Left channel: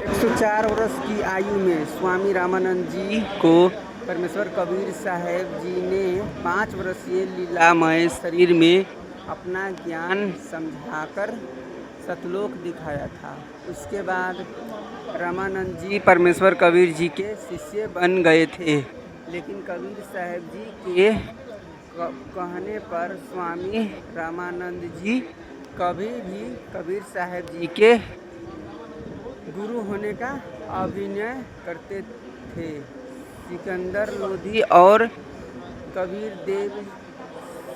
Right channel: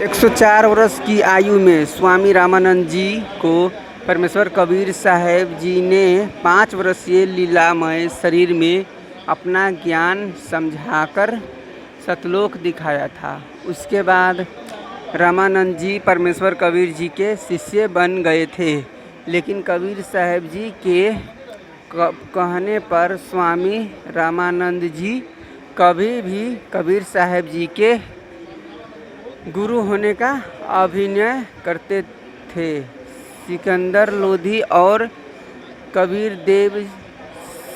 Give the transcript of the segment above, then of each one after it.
104 वर्ष की आयु में स्वामी रामानंद जी को परमेश्वर कबीर साहब जी ने 5 वर्षीय लीलामय शरीर में अपना ज्ञान समझाकर सतलोक दिखाया था। उसके बाद रामानंद जी परमेश्वर कबीर जी के शिष्य बन गए थे, लेकिन कबीर साहब जी के कहने पर स्वामी रामानंद जी कभी भी कबीर साहब जी के गुरु होने का अभिनय करते थे। सिकंदर लोधी और कबीर देव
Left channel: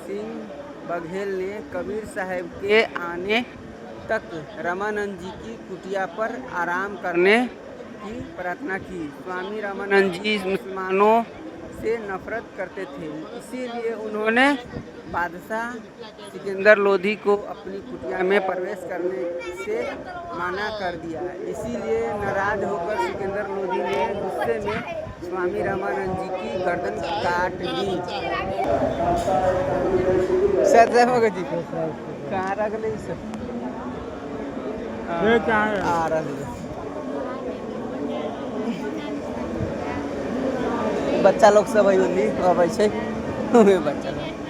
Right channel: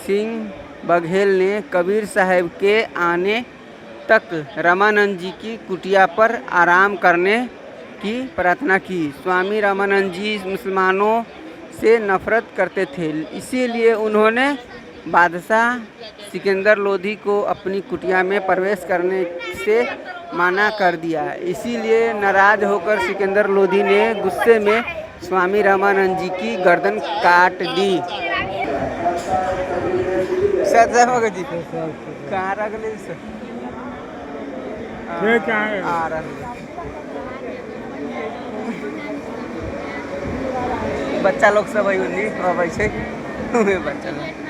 सिंह बघेल ने कबीर साहब के आने तक रामानंद जी की कुटिया पर आराम करने की प्रार्थना की। स्वामी रामानंद जी मुसलमानों से नफरत करते थे, इसीलिए उन्होंने बादशाह सिकंदर लोधी को अपनी कुटिया में प्रवेश करने से मना कर दिया। इसीलिए नाराज होकर सिकंदर लोधी ने गुस्से में स्वामी रामानंद जी की गर्दन काट दी। सर जी कहाँ रख ले सर? आ रहा बच्चा लोग सब अबै छै बच्चा लोग।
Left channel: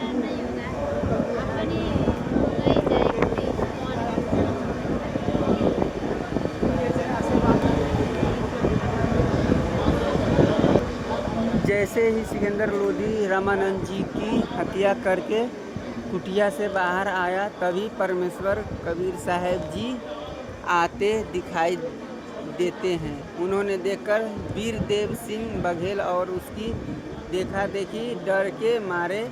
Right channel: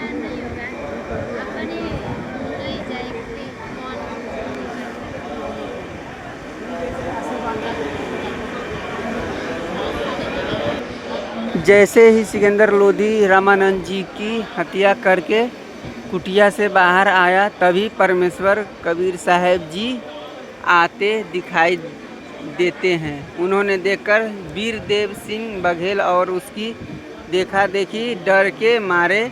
जैसे ही सिकंदर लोधी रामानंद जी की हत्या करके कुटिया से बाहर आया, तभी परमेश्वर कबीर साहब जी आते दिखाई देते हैं। उन्होंने देखकर वीर देव सिंह बघेल और उसकी देखा देखी डर के मारे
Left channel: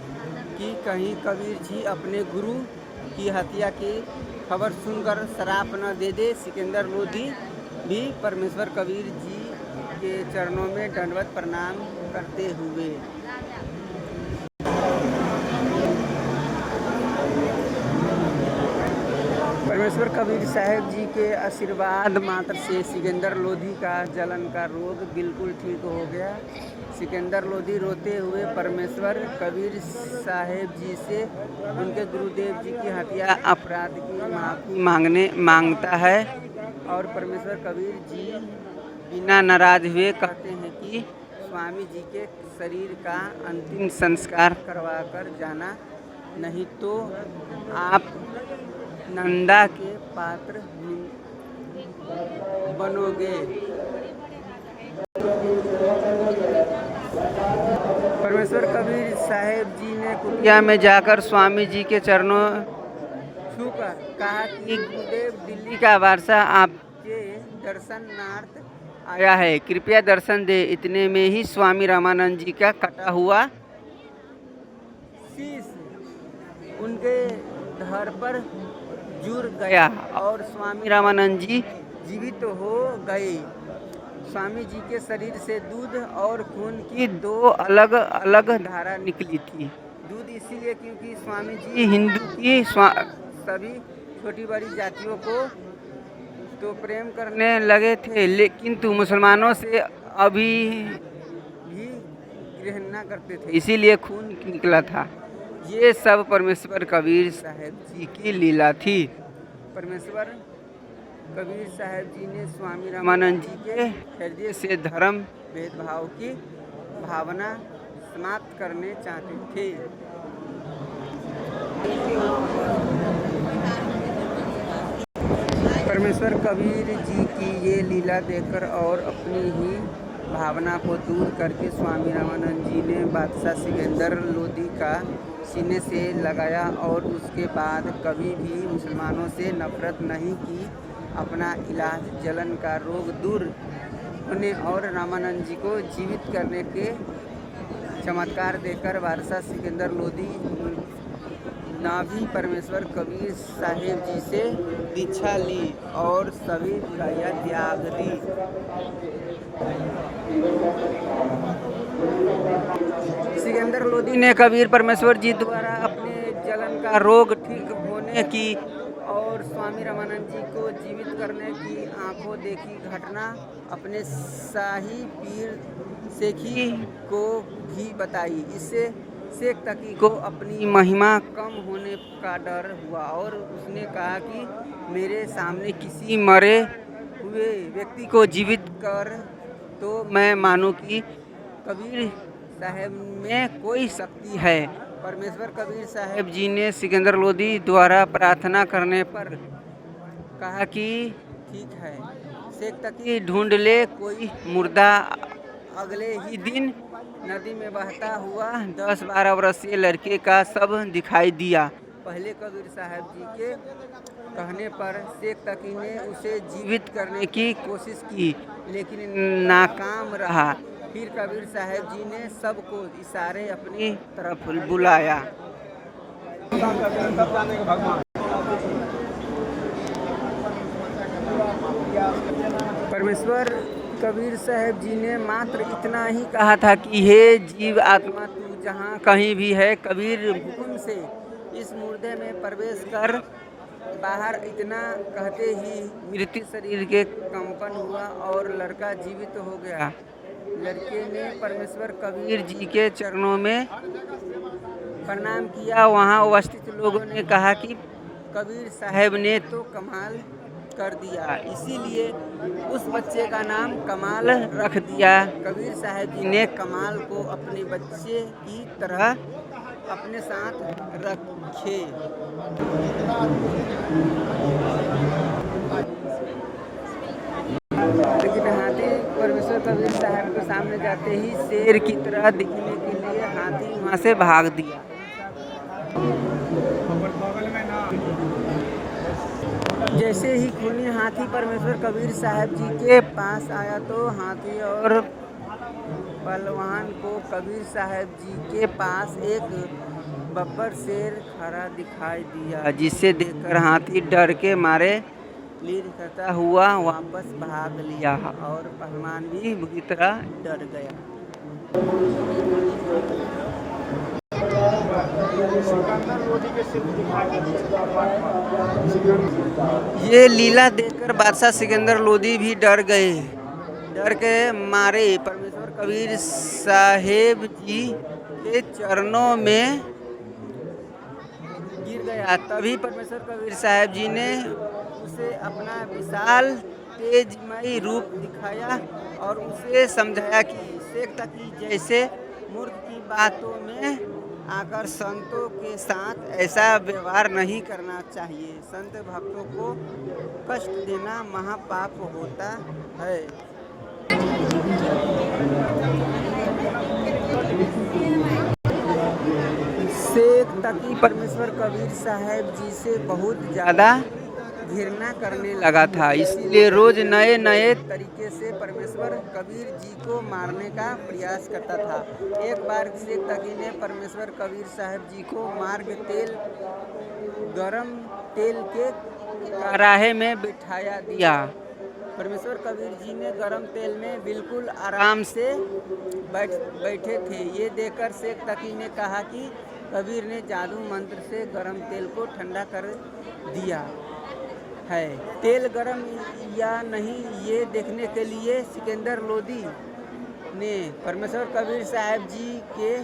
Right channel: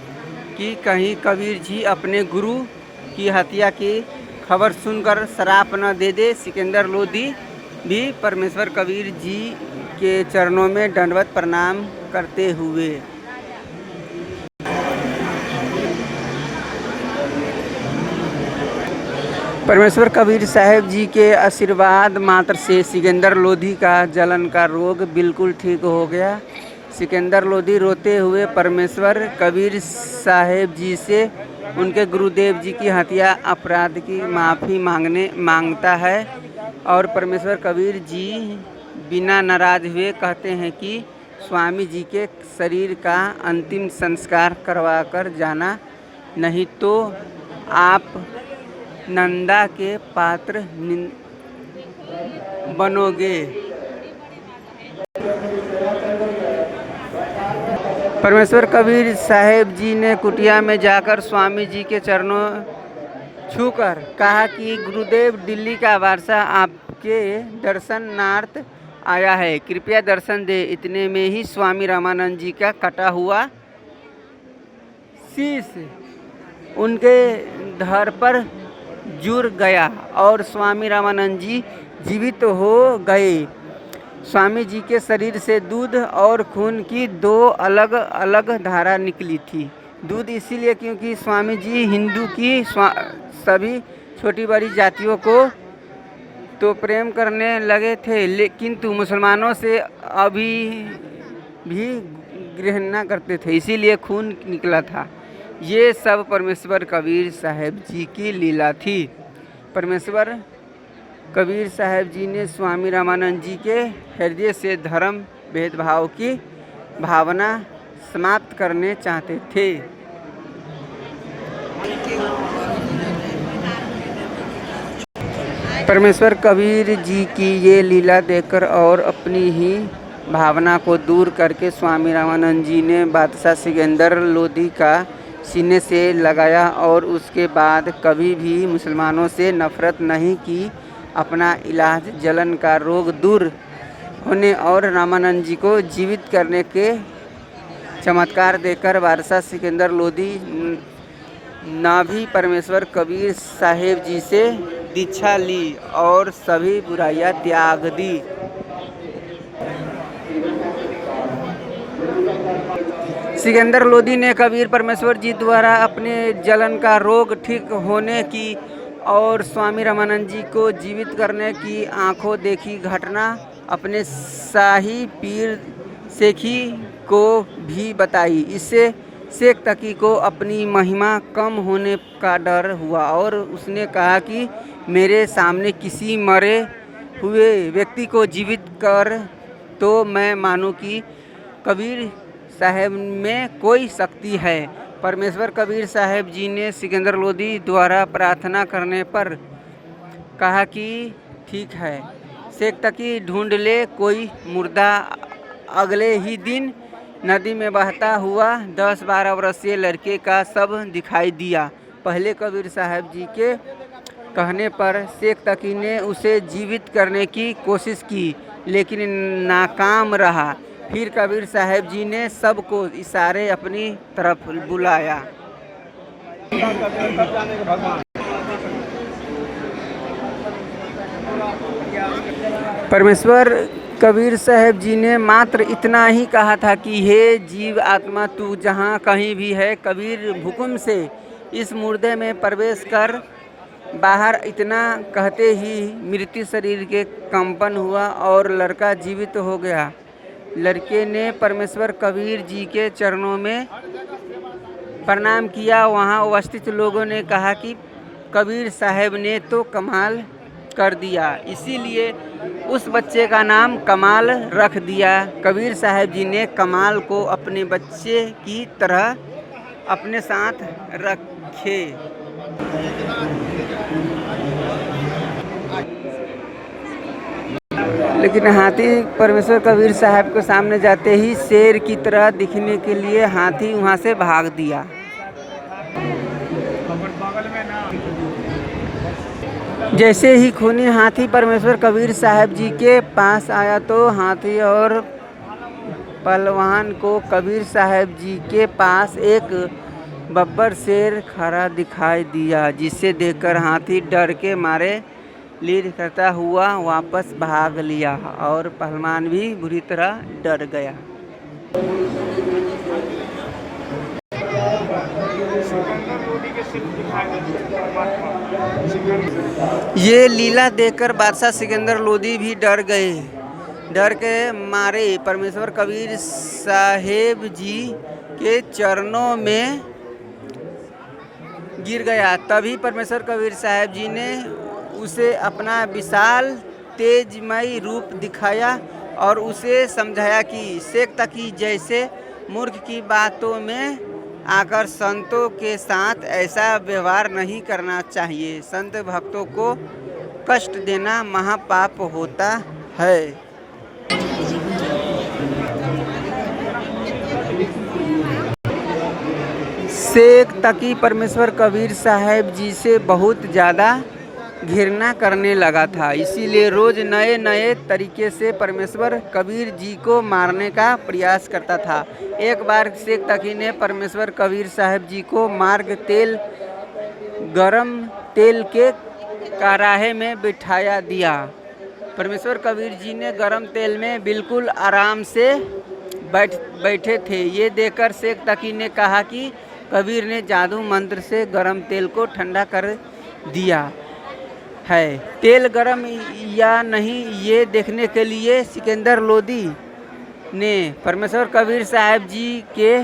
कि कहीं कबीर जी अपने गुरु की हत्या की खबर सुनकर श्राप न दे दे। सिकंदर लोधी भी परमेश्वर कबीर जी के चरणों में दंडवत प्रणाम करते हुए परमेश्वर कबीर साहब जी के आशीर्वाद मात्र से सिकंदर लोधी का जलन का रोग बिल्कुल ठीक हो गया। सिकंदर लोधी रोते हुए परमेश्वर कबीर साहब जी से उनके गुरुदेव जी की हत्या अपराध की माफ़ी मांगता है और परमेश्वर कबीर जी बिना नाराज हुए कहते हैं कि स्वामी जी के शरीर का अंतिम संस्कार करवाकर जाना, नहीं तो आप नंदा के पात्र बनोगे। परमेश्वर कबीर साहब जी ने कुटिया में जाकर स्वामी जी के चरणों छूकर कहा कि गुरुदेव, दिल्ली का बादशाह आपके दर्शनार्थ आया है, कृपया दर्शन दे। इतने में ही स्वामी रामानंद जी का कटा हुआ शीश उनके धड़ पर जुड़ गया और स्वामी रामानंद जी जीवित हो गए। स्वामी जी के शरीर से दूध और खून की 2 अलग अलग धारा निकली थी। दूध इसीलिए क्योंकि स्वामी जी हिंदू की सभी छोटी बड़ी जातियों को तो प्रेम करने लगे थे, लेकिन मुसलमानों से अभी भी घृणा करते थे, इसीलिए खून निकला था। ये सब परमेश्वर कबीर साहब जी की लीला थी। परमेश्वर कबीर साहब जी ने स्वामी रामानंद जी के हृदय से धर्म भेदभाव की भावना समाप्त करने चाहते थे। परमेश्वर कबीर जी की ये लीला देखकर और अपनी ही भावना को दूर करके स्वामी रामानंद जी ने बादशाह सिकंदर लोधी का सीने से लगाया और उसके बाद कभी भी मुसलमानों से नफरत नहीं की। अपना इलाज जलन का रोग दूर होने और रामानंद जी को जीवित करने के चमत्कार देकर बादशाह सिकंदर लोधी ने भी परमेश्वर कबीर साहेब जी से दीक्षा ली और सभी बुराइयां त्याग दी। सिकंदर लोधी ने कबीर परमेश्वर जी द्वारा अपने जलन का रोग ठीक होने की और स्वामी रामानंद जी को जीवित करने की आंखों देखी घटना अपने शाही पीर सेखी को भी बताई। इससे शेख तकी को अपनी महिमा कम होने का डर हुआ और उसने कहा कि मेरे सामने किसी मरे हुए व्यक्ति को जीवित कर तो मैं मानूं कि कबीर साहब में कोई शक्ति है। परमेश्वर कबीर साहब जी ने सिकंदर लोधी द्वारा प्रार्थना करने पर कहा कि ठीक है, शेख तकी ढूंढ ले कोई मुर्दा। अगले ही दिन नदी में बहता हुआ 10-12 वर्षीय लड़के का शव दिखाई दिया। पहले कबीर साहब जी के कहने पर शेख तकी ने उसे जीवित करने की कोशिश की, लेकिन नाकाम रहा। फिर कबीर साहब जी ने सबको इशारे अपनी तरफ बुलाया। परमेश्वर कबीर साहब जी ने मात्र इतना ही कहा था कि हे जीव आत्मा, तू जहाँ कहीं भी है, कबीर हुक्म से इस मुर्दे में प्रवेश कर बाहर। इतना कहते ही मृत्यु शरीर के कंपन हुआ और लड़का जीवित हो गया। लड़के ने परमेश्वर कबीर जी के चरणों में प्रणाम किया। वहाँ उपस्थित लोगों ने कहा कि कबीर साहब ने तो कमाल कर दिया, इसीलिए उस बच्चे का नाम कमाल रख दिया। कबीर साहब जी ने कमाल को अपने बच्चे की तरह अपने साथ रखे। लेकिन हाथी परमेश्वर कबीर साहब के सामने जाते ही शेर की तरह दिखने के लिए हाथी वहाँ से भाग दिया। जैसे ही खूनी हाथी परमेश्वर कबीर साहब जी के पास आया तो हाथी और पहलवान को कबीर साहब जी के पास एक बब्बर शेर खड़ा दिखाई दिया, जिसे देखकर हाथी डर के मारे लीड करता हुआ वापस भाग लिया और पहलवान भी बुरी तरह डर गया। ये लीला देखकर बादशाह सिकंदर लोधी भी डर गए। डर के मारे परमेश्वर कबीर साहेब जी के चरणों में गिर गया। तभी परमेश्वर कबीर साहब जी ने उसे अपना विशाल तेजमय रूप दिखाया और उसे समझाया कि शेख तकी जैसे मूर्ख की बातों में आकर संतों के साथ ऐसा व्यवहार नहीं करना चाहिए। संत भक्तों को कष्ट देना महापाप होता है। शेख तकी परमेश्वर कबीर साहब जी से बहुत ज़्यादा घृणा करने लगा था, इसीलिए रोज नए नए तरीके से परमेश्वर कबीर जी को मारने का प्रयास करता था। एक बार शेख तकी ने परमेश्वर कबीर साहब जी को गरम तेल के कराहे में बिठाया दिया। परमेश्वर कबीर जी ने गरम तेल में बिल्कुल आराम से बैठे थे। ये देखकर शेख तकी ने कहा कि कबीर ने जादू मंत्र से गरम तेल को ठंडा कर दिया है। तेल गरम या नहीं ये देखने के लिए सिकंदर लोधी ने परमेश्वर कबीर साहब जी के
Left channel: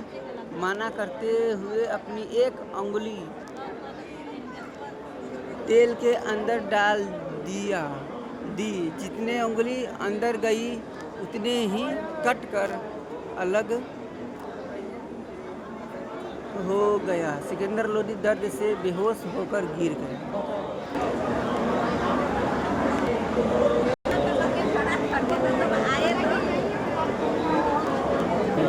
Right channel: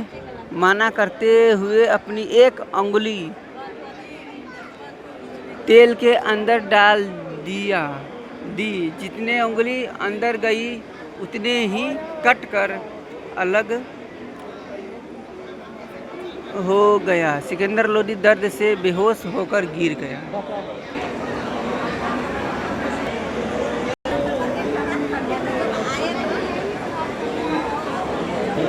मना करते हुए अपनी एक अंगुली तेल के अंदर डाल दी। जितने उंगली अंदर गई उतने ही कट कर अलग हो गया। सिकंदर लोधी दर्द से बेहोश होकर गिर गया।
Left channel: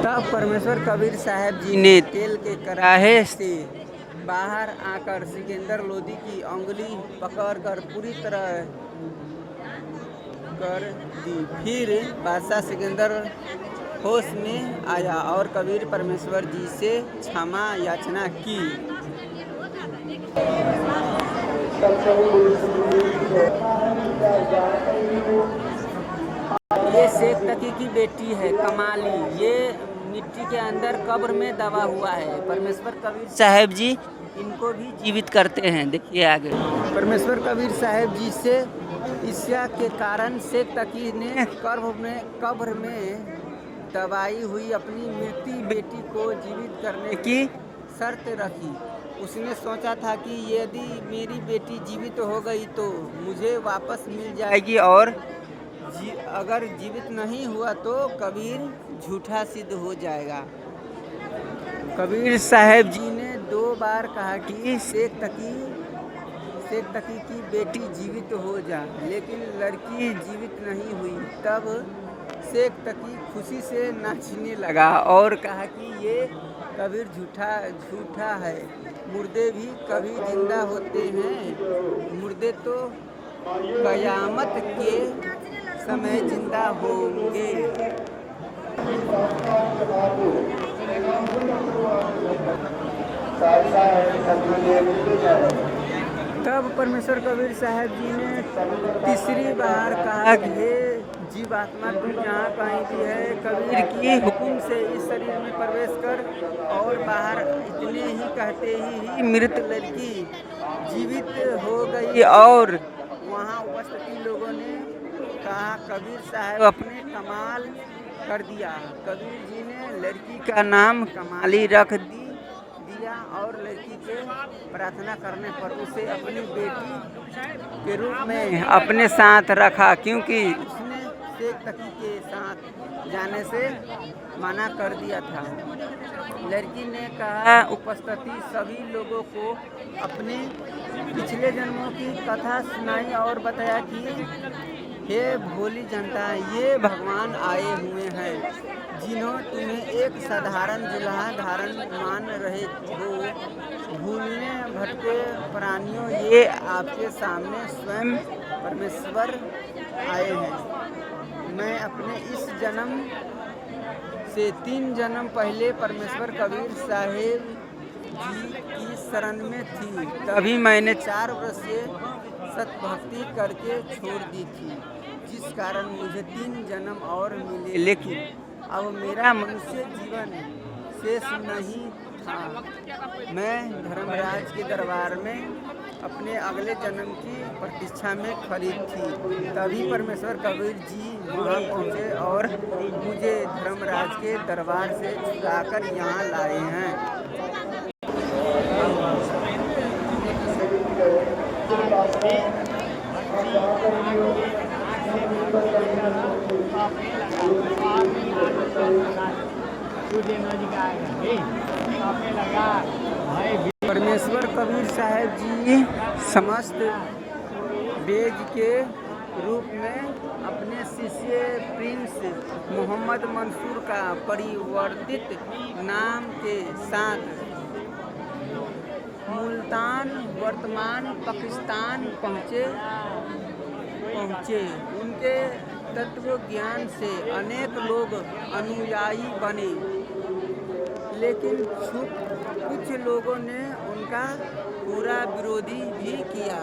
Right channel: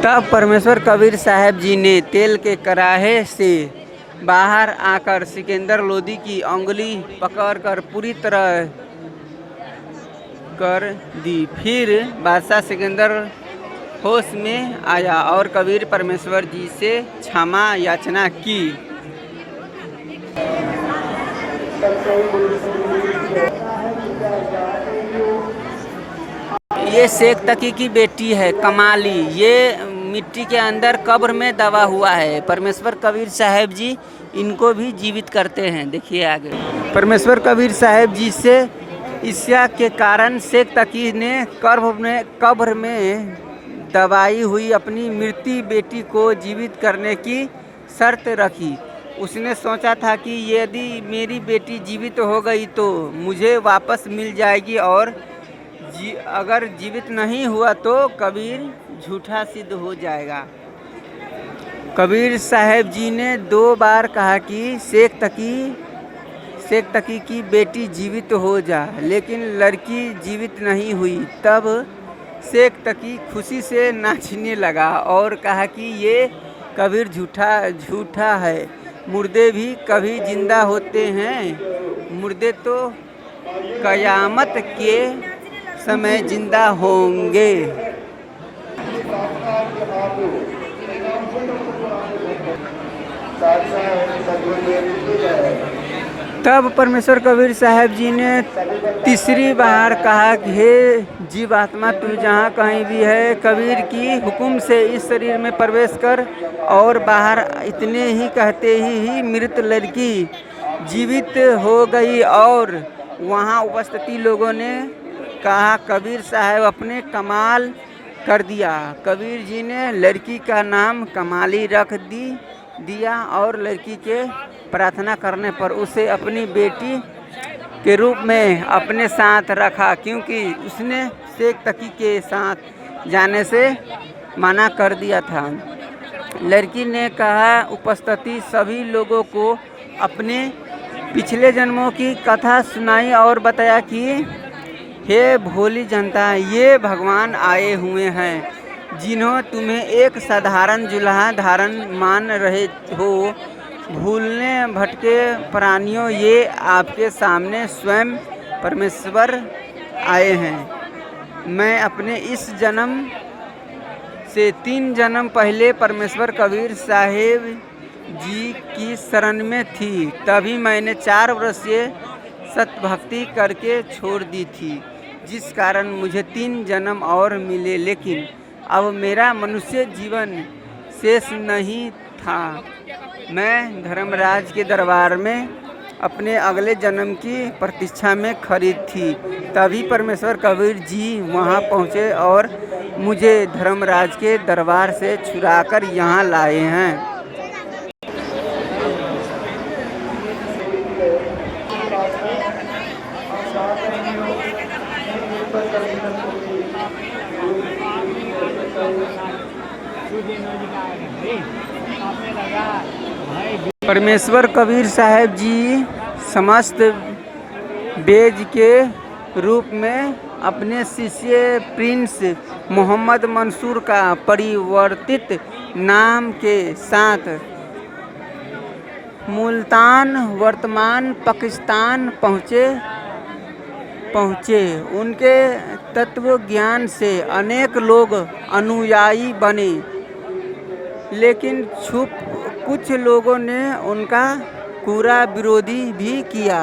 तब परमेश्वर कबीर साहब जी ने तेल के कराहे से बाहर आकर सिकंदर लोधी की उंगली पकड़कर पूरी तरह कर दी। फिर बादशाह सिकंदर होश में आया और कबीर परमेश्वर जी से क्षमा याचना की। ये शेख तकी की बेटी है कमाली। ये मिट्टी के अंदर कब्र में दबा हुआ है। परमेश्वर कबीर साहब जी इनको भी जीवित करते हैं। देखिए आगे। परमेश्वर कबीर साहब जी से ईर्ष्या के कारण शेख तकी ने कब्र में दबाई हुई अपनी मृत्यु बेटी को जीवित करने की शर्त रखी। उसने सोचा था कि यदि मेरी बेटी जीवित हो गई तो मुझे वापस मिल जाएगी और अगर जीवित नहीं हुआ तो कबीर झूठा सिद्ध हो जाएगा। कबीर साहब जी ने 2 बार कहा कि शेख तकी की बेटी जीवित हो जा, लेकिन लड़की जीवित नहीं हुई। तब शेख तकी खुशी से नाचने लगा और कहा कि ये कबीर झूठा है, मुर्दे भी कभी जिंदा होते हैं, मुर्दे तो कयामत के समय जिंदा होंगे। तब परमेश्वर कबीर साहब जी ने तीसरी बार कहा कि हे जीवात्मा, तू जहाँ कहीं भी है, कबीर की हुक्म से इस शरीर में प्रवेश कर। और बाहर इतने ही कहते ही मृत लड़की जीवित हो गई और वहाँ उपस्थित लोगों ने कहा कबीर साहब अपने कमाल कर दिया। कबीर जी ने लड़की का नाम कमाली रख दिया और लड़की के प्रार्थना करने पर उसे अपनी बेटी के रूप में अपने साथ रखा, क्योंकि उसने शेख तकी के साथ जाने से मना कर दिया था। लड़की ने कहा उपस्थित सभी लोगों को अपने पिछले जन्मों की कथा सुनाई और बताया कि हे भोली जनता, ये भगवान आए हुए हैं जिन्हों तुम्हें एक साधारण जुल्हा धारण मान रहे हो। भूलने भटके प्राणियों, ये आपके सामने स्वयं परमेश्वर आए हैं। मैं अपने इस जन्म से 3 जन्म पहले परमेश्वर कबीर साहेब जी की शरण में थी, तभी मैंने 4 वर्षीय सतभक्ति करके छोड़ दी थी, जिस कारण मुझे 3 जन्म और मिले। लेकिन अब मेरा मनुष्य जीवन शेष नहीं था। मैं धर्मराज के दरबार में अपने अगले जन्म की प्रतीक्षा में खड़ी थी। तभी परमेश्वर कबीर जी वहाँ पहुँचे और मुझे धर्मराज के दरबार से छुड़ाकर यहाँ लाए हैं। परमेश्वर कबीर साहब जी समस्त बेज के रूप में अपने शिष्य प्रिंस मोहम्मद मंसूर का परिवर्तित नाम के साथ मुल्तान वर्तमान पाकिस्तान पहुँचे। उनके तत्व ज्ञान से अनेक लोग अनुयायी बने, लेकिन कुछ लोगों ने उनका पूरा विरोधी भी किया।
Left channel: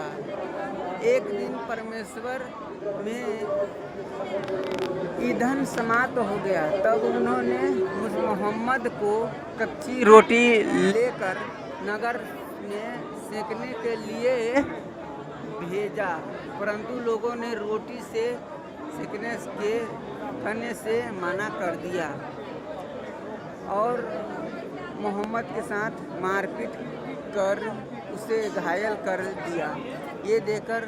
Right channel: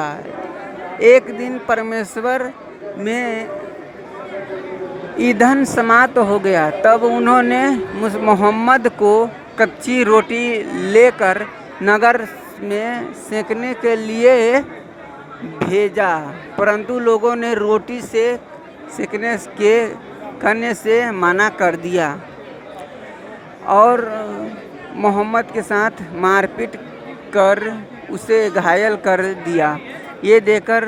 एक दिन परमेश्वर में ईंधन समाप्त हो गया, तब उन्होंने मोहम्मद को कच्ची रोटी लेकर नगर में सेकने के लिए भेजा, परंतु लोगों ने रोटी से सेकने से मना कर दिया और मोहम्मद के साथ मारपीट कर उसे घायल कर दिया। ये देखकर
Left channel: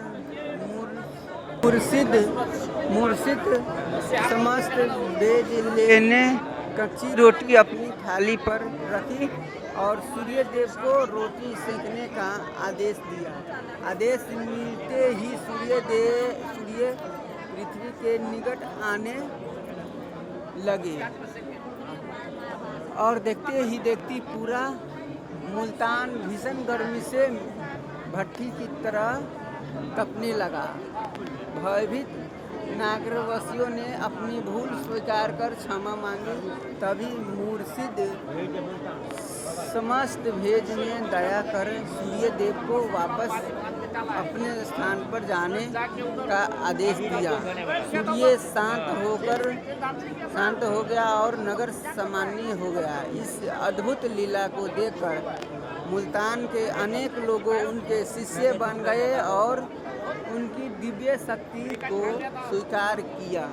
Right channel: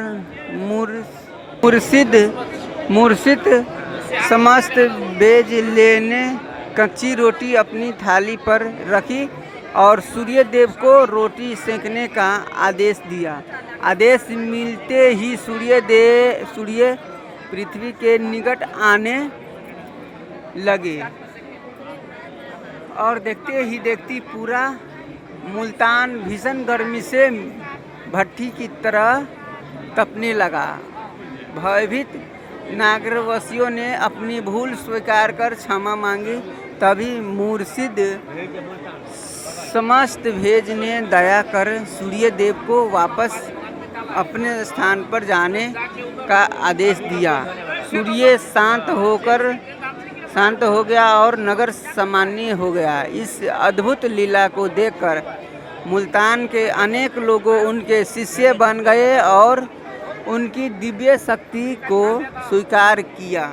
मुर्शिद समस्त बेज लेने कच्ची रोटी अपनी थाली पर रखी और सूर्य देव को रोटी सेकने का आदेश दिया। आदेश मिलते ही सूर्य पृथ्वी के निकट आने लगे और देखते ही देखती पूरा मुल्तान भीषण गर्मी से भट्टी की तरह तपने लगा। भयभीत नागरवासियों ने अपनी भूल स्वीकार कर क्षमा मांगी। तभी मुर्शिद समस्त भेज ने दया कर सूर्य देव को वापस अपने स्थान पर जाने का आदेश दिया। सूर्य शांत हो गया और नगर सामान्य हो गया। इस अद्भुत लीला को देखकर मुल्तान के अनेक लोगों उनके शिष्य बन गए और उनकी दिव्य शक्ति को स्वीकार किया।